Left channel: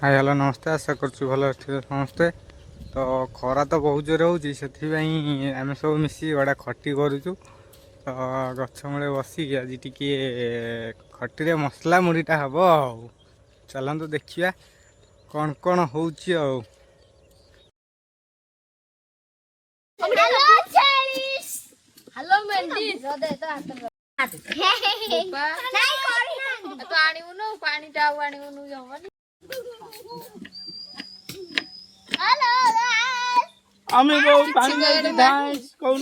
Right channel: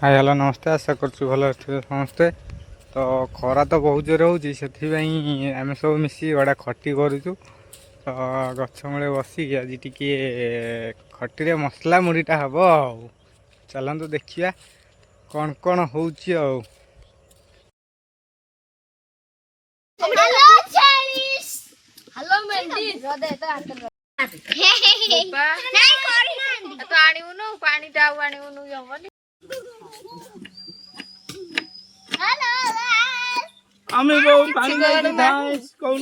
Hi hello नमस्ते आशा करूँ भल समस्ते। तो खरा तो बहुत जोर होती आम सब मिसी गोटे खटी करुचु। तो गछ मूले बसिक आज टी खटी मसला मुढ़ीटा हम आ चलतु देखा कौन कौन हो আমি বউ পানি দিতে ধাস কোন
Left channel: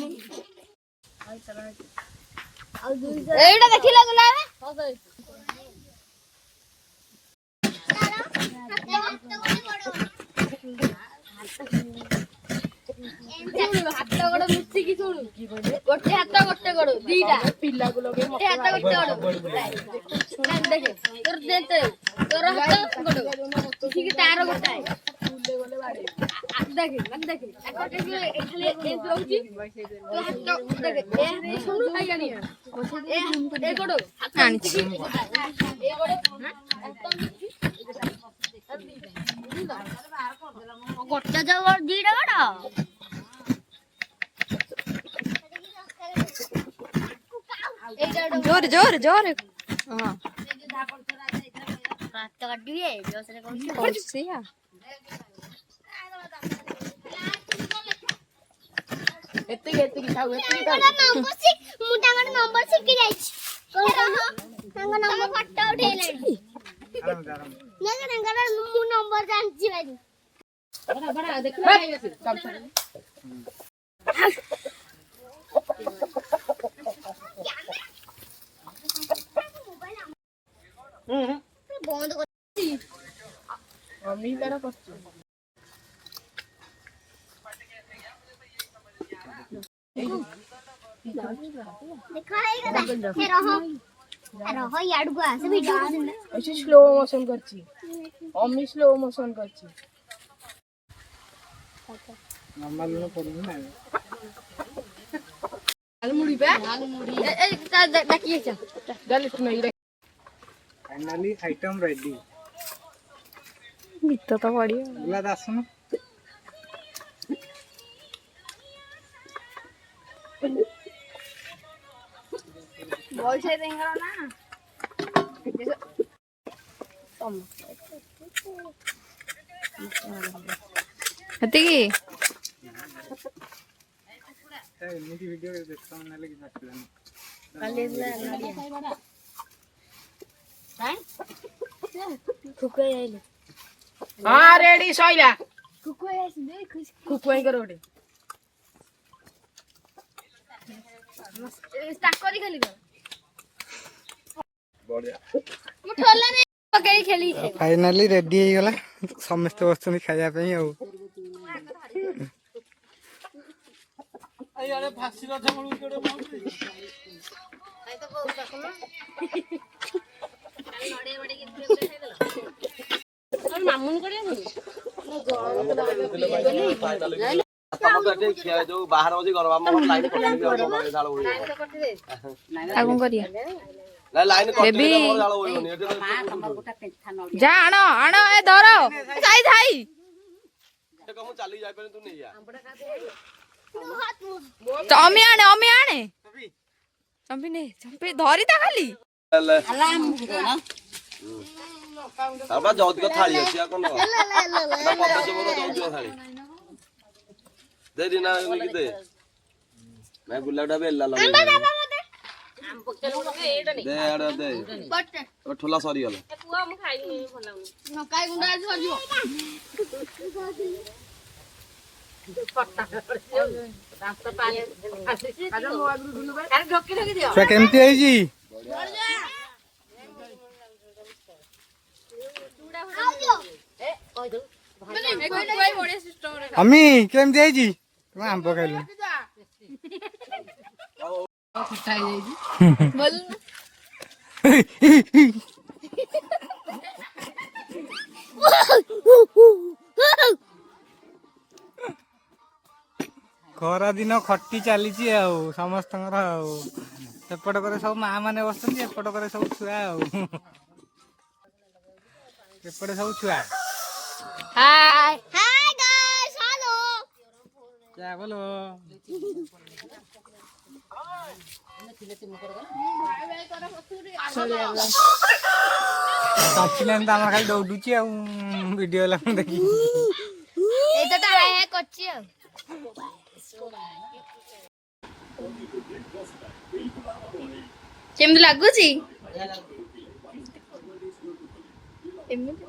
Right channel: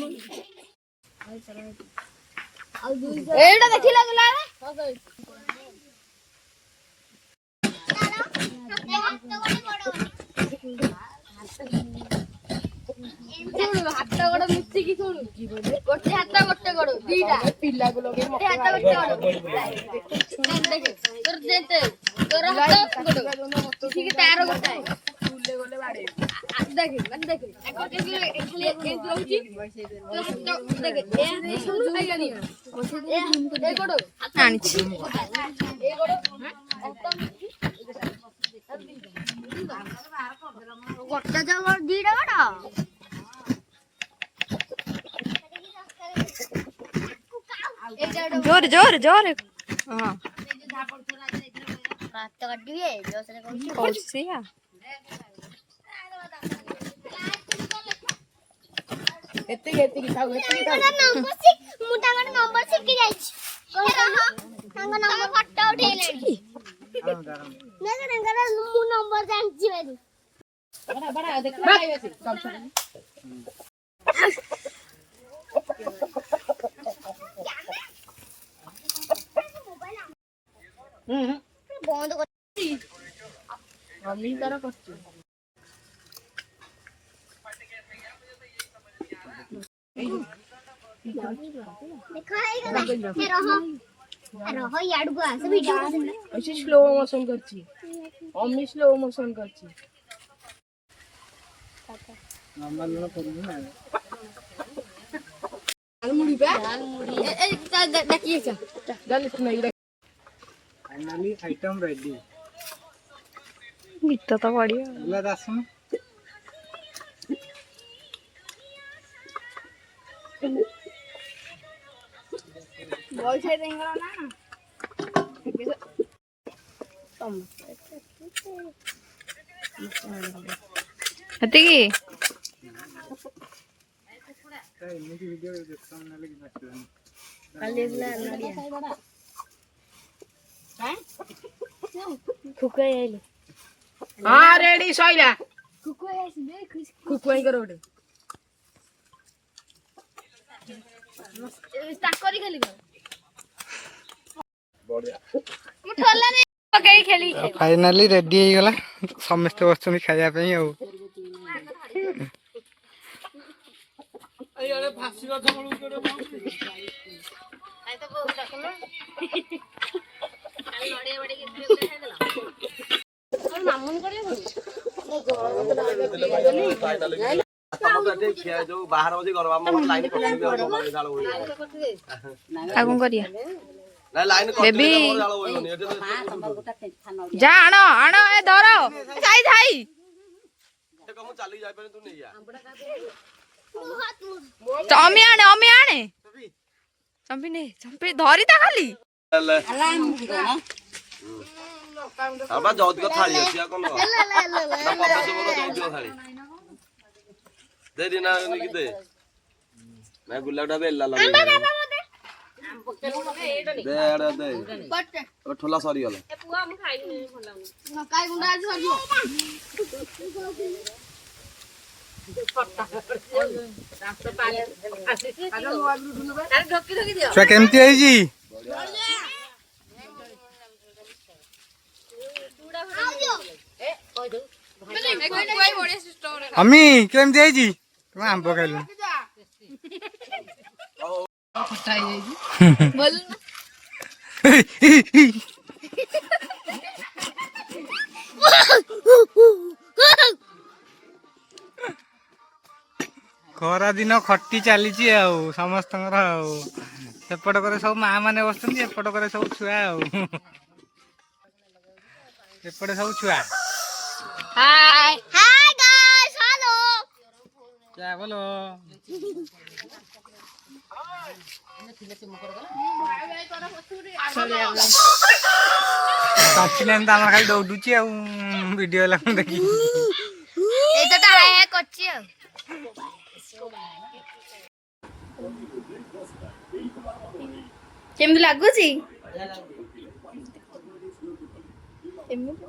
এইটা দেখিলা গলা ହାତ ଗୋଡ ମିଶିକି ଶୁଣୁ ଗୋଟେ ହାତ ଗୋଟେ ଗୋଡ ଦିଟା ପିଲାକୁ ଲଗେଇ ଗୋଟେ ହାତ ଗୋଟେ ଗୋଡ ତୋର ଯେତେ ତୋର ହାତ ଗୋଡ ମିଶିକି ତାର ଗୋଟେ ଗଲେ ବାଡେ ଦେଖେ ମାନେ ଦେଖେ ଖାଲି ଏମିତି ରହୁଛି ତୋ ହାତ ଦେଖେ ଏ ଶୁଣୁ ଖାଇଗାନି ଏ ଗୋଡ ଆଣିଛି ଏ ଗୋଡ ହାତ ମିଶିକି ଗୋଟେ ଯୋଉ ଦିଟା ଗୋଡ जोर जोर जोर हां रात काटिए जोसरे पहुंचिया ଏତିକି ଖାଉ ଏତିକି ଖାଉ नंबर से मुटा मन नंबर से की जाई तांग नंबर फटो उठेलानी ना रंगरा मु नंबर जानछि बाजी बड़ा बड़ा देख खाइबे से कम से बंद कर मम्मी तारा करछ देखा है ये रहो रहो याड गो से वीडियो ऐसे स्लो मोशन करछि मम्मी स्लो मोशन करछि नंबर लो पड़ू ना मुड़ी पे ए देखिए चल गलत नहीं फाइनली आइटम रेडी गीत तो बढ़िया बोला दासन बॉय से देंगे ना हती एमती वीडियो देखता ना कि नचलानी फुके आइले हां रेडी सइला कुको आइस दे खुश कुकोई करो ओटे स्टार्ट करी खेली बढ़िया मुठला ने पकई खेली फाइनली रेडी हो गला समस्त बसुनी खाया पे आ अरे फांसी का थमळू केडे आई तो बहुत रखना नडे बडे के खाइ देला मामुन करे जो बाहर बजे घर लाइन आगुन करिया लाइन बेबी जा आनो आनो ए धरो जाई जाई चली जाए तू नहीं चमी आने चंपी ने चंपी धरी ता खाली अब जौत का थाली है क्या कोन दे देना लिख दे मैं गुलाबड़ा बेला लगे दे आड़ा दे ओ ठोला सरी गला ए पुआ हम खाइ न काय गुंडा सरियो छुआ केमती है जी अम्मी केमती है जी तुम आंब खाइल खटाई जाई बोल खरा दिन खटी चली समस्त सेपट करे सब माँ मैंने बस एपट करे सब छुआ एपटे सब छुआ हाय हाय गाइस हेलो क्या बोलो ଟପିଲାନି ତ ଆମର ଖାଲି ଦୌଡୁଛି ଆଉ ଭିଡିଓ ହେଲା ମୁଁ ଦେଖିକି ଏଇଟା ତ ହାय ହାय କରିଛି ଆଉ କେମିତି ଲାଗୁଛି? ଏମିତି